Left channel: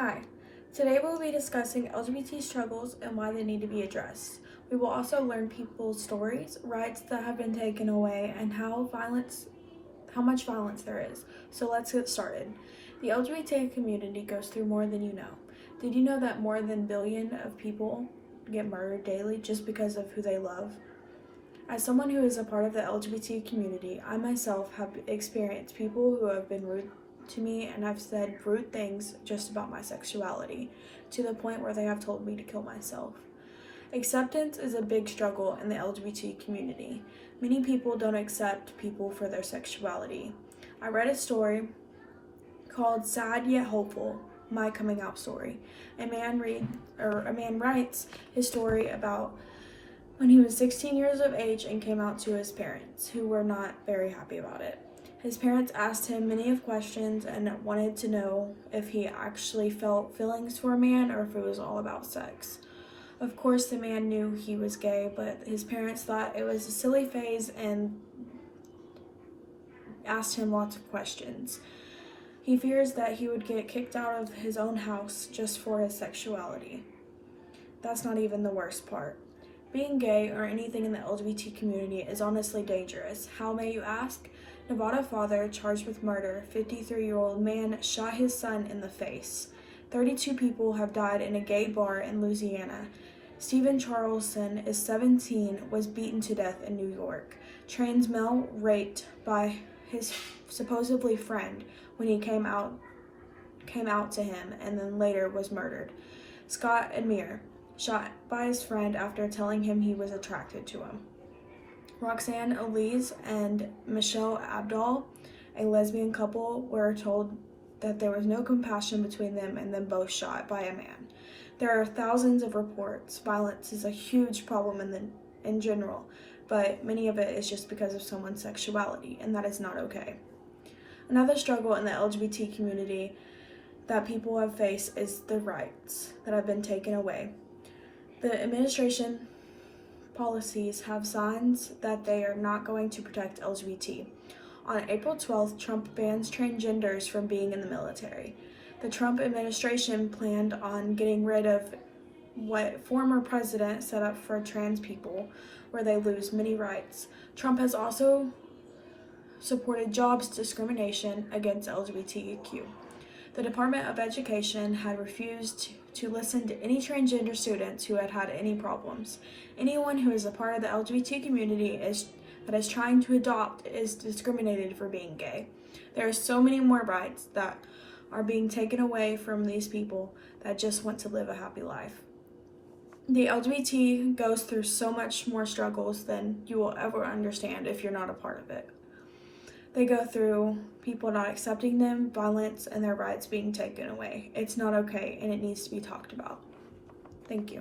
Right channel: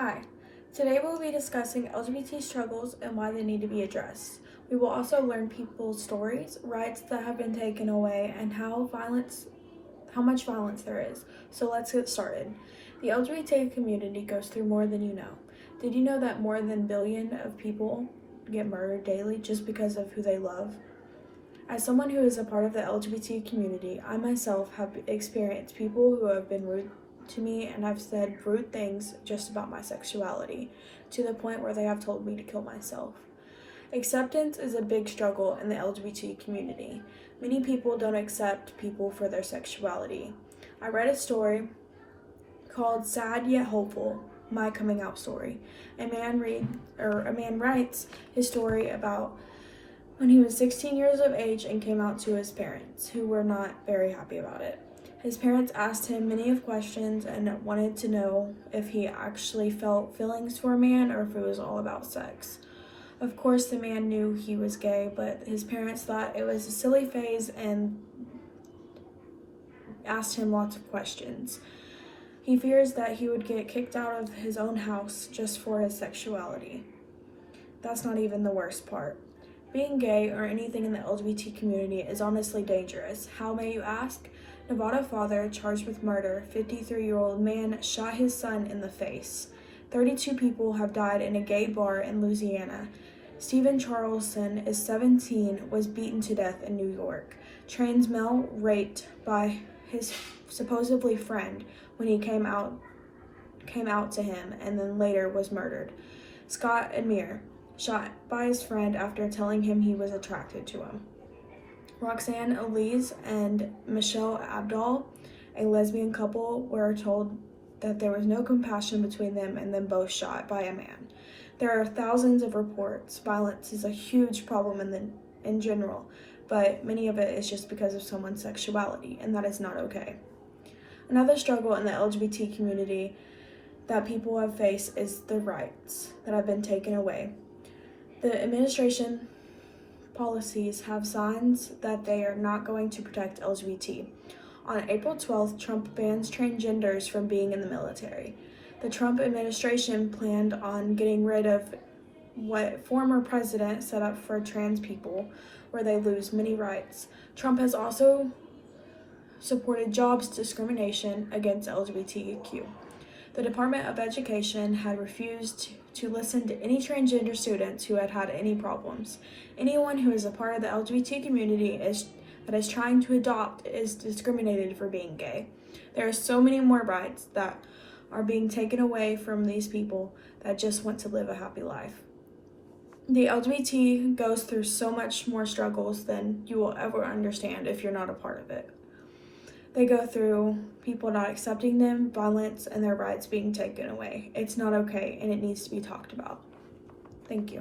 Hi, today we'll be discussing LGBT struggles and why they need to be addressed. We will also learn people's stories, rights that have been taken away, and how much violence there is. So let's get started. The LGBT community goes through more than you know. Did you know that more than a billion of people get murdered daily just because of who they love? As someone who is a part of the LGBT community, I myself have experienced people who have been rude to me and have said rude things just about my sexuality, to the point where they have told me to kill myself. Acceptance is a big struggle in the LGBT community. Many people don't accept people for their sexuality. I read a story called Sad Yet Hopeful, My Coming Out Story. A man writes his story about when he was 16 years of age and came out to his parents, who were not very happy about it. His parents asked him many of questions and wanted to know if he actually felt feelings for a man or if it was all about sex. Of course, the man knew he was gay, but his parents thought it was a silly phase and asked him lots of questions. He fears that he would get kicked out of his own house just for his sexuality. That's not even the worst part. Being gay or anything in the LGBT community is honestly dangerous. How, may you ask? Nevada father charged with murder, 53-year-old man shot his son in the face. 32 people have died in a gay bar in Louisiana. Stephen Charleston is 17, was beaten to death in New York. Trans male raped by his supposedly friend when he came out to him, and then later was murdered. Scott Amir shot by his friend after telling him he was attracted to him. Roxanne Elise and Michelle Abdul, a lesbian couple, were told that there was no compassion between them and then both shot by a man. There are thousands of reports. Violence is a huge problem in general, but many of it is just because of someone's sexuality, and that is not okay. Another struggle in the LGBT community that people have faced is the rights that have been taken away. The administration policies have signs that they are not going to protect LGBT. On April 12th, Trump bans transgenders from being in the military. The Trump administration planned on getting rid of what former president set up for trans people, where they lose many rights. Trump has also supported jobs discrimination against LGBTQ. The Department of Education had refused to listen to any transgender students who had had any problems. Anyone who is a part of the LGBT community that is trying to adopt is discriminated for being gay. There are so many more rights that are being taken away from these people that just want to live a happy life. The LGBT goes through so much more struggles than you will ever understand if you're not a part of it. They go through people not accepting them, violence, and their rights being taken away. It's not okay, and it needs to be talked about. Thank you.